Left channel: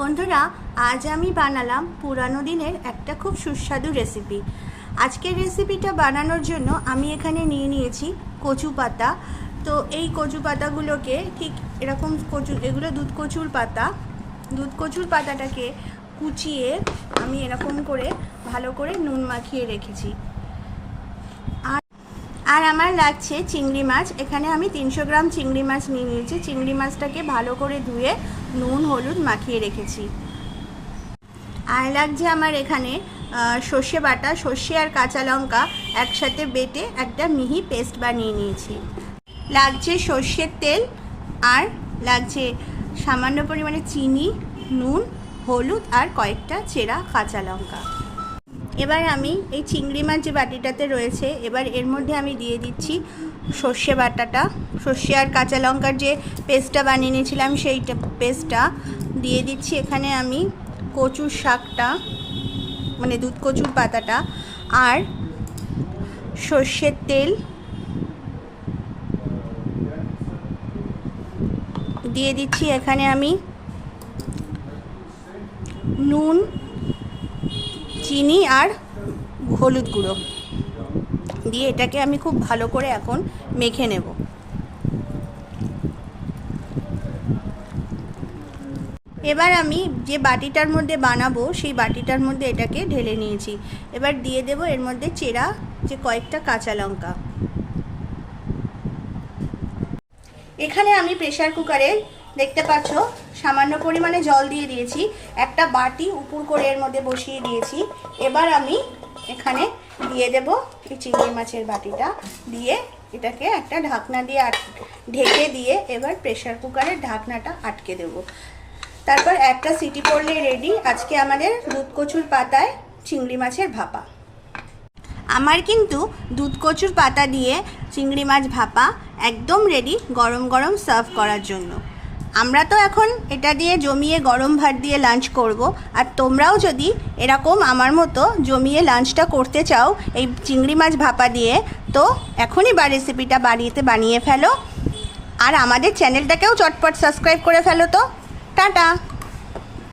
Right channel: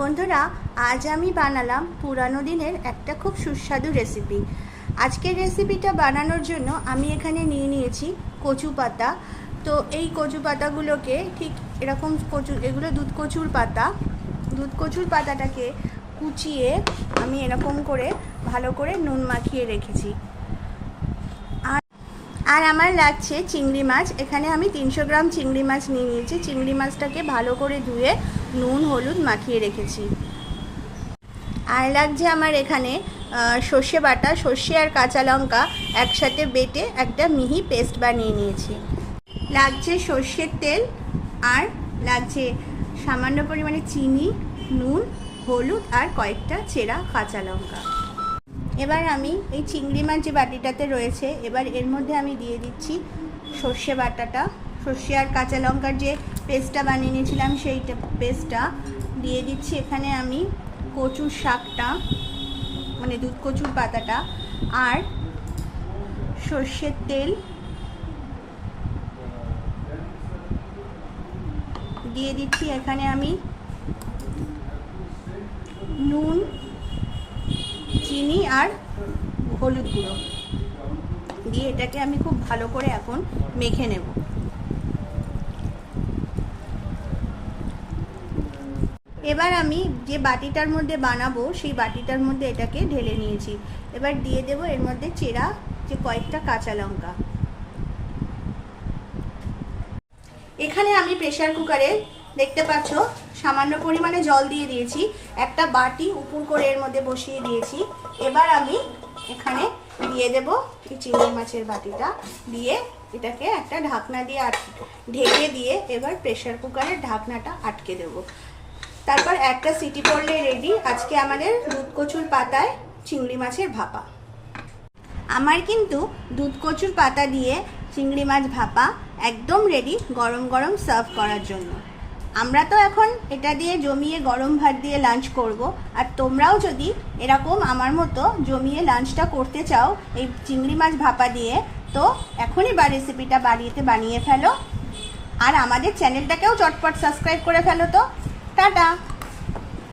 বন্ধুরা, আজ আমি বানালাম পুরানো দিনের একটা খুব সুস্বাদু রেসিপি আজকের রেসিপিটা বানানোর জন্য আমি এখানে নিয়ে নিয়েছি কচু পাতা। তো এই কচু পাতাগুলোকে ঠিক এরকম কচু, এগুলো দুধ কচুর পাতা। দুধ কচুর পাতাটাকে কুচিয়ে আমি এরকম করে ভালো করে নুন মাখিয়ে রেখেছি। আর আমার লাগছে চিংড়ি মাছ। এখানে আমি তিনশো গ্রাম চিংড়ি মাছ নিয়ে নিয়েছি। চিংড়ি মাছটাকে ভালো করে ধুয়ে নুন, হলুদ মাখিয়ে রেখেছি। আর লাগছে আমার এখানে সর্ষে বাটা, সর্ষে আর কাঁচা লঙ্কা একসাথে বেটে একটা মিহি পেস্ট বানিয়ে নিয়েছি। লাগছে সর্ষের তেল আর লাগছে সামান্য পরিমাণে চিনি, নুন, হলুদ আর কয়েকটা চেরা কাঁচা লঙ্কা। এবার আমি এই চিংড়ি মাছ যে বাটিটাতে রয়েছে, এবার এর মধ্যে আমি দিয়ে দিচ্ছি সর্ষে বাটাটা। সর্ষে আর কাঁচা লঙ্কার যে পেস্টটা বানিয়ে নিয়েছিলাম সেইটা পেস্টটা দিয়ে দিচ্ছি। এখানে আমি কচুর শাকটা মানে দুধ কচুর পাতাটা আর সর্ষের তেল দিয়ে দিচ্ছি। এখানে আমি নুন চিনি আর হলুদ গুঁড়ো। দিয়ে এটাকে আমি খুব ভালো করে এখন মেখে নেব। এবার আমি যে বাটিটার মধ্যে বানাবো, সেই বাটিটার মধ্যে এটাকে ঢেলে নিয়েছি। এবার দিয়ে দেব এর মধ্যে চেরা, যে কয়েকটা কাঁচা লঙ্কা। এখানে আমি প্রেসার কুকারে দেখতে পাচ্ছ, সামান্য পরিমাণে জল দিয়ে দিয়েছি। একটা বাটি উপর করে এর মধ্যে বসিয়ে দিয়েছি। এবার আমি এখানে দিয়ে দেব চিংড়ি মাছের বাটিটা। দিয়ে এটাকে একটা ঢাকনা দিয়ে আট, ঢেকে দিয়ে এবার প্রেসার কুকারের ঢাকনাটা আটকে দেব। তারপর একটা সিটি পড়লে রেডি আজকে আমাদের দুধ কচুর পাতায় চিংড়ি মাছের ভাপা। আমার কিন্তু দুধ কচুর পাতা দিয়ে চিংড়ি মাছ ভাপা একদম রেডি গরম গরম সার্ভ করার জন্য। আমরা তো এখন এটা দিয়ে জমিয়ে গরম ভাত দিয়ে লাঞ্চ করব। আর তোমরাও যদি এরকম আমার মতো জমিয়ে লাঞ্চটা করতে চাও, এই চিংড়ি মাছ ভাপা দিয়ে, তো এখনই বা রেসিপিটা বাড়িতে বানিয়ে ফেলো। আর আমাদের চ্যানেলটাকেও চটপট সাবস্ক্রাইব করে ফেলো তো। টাটা!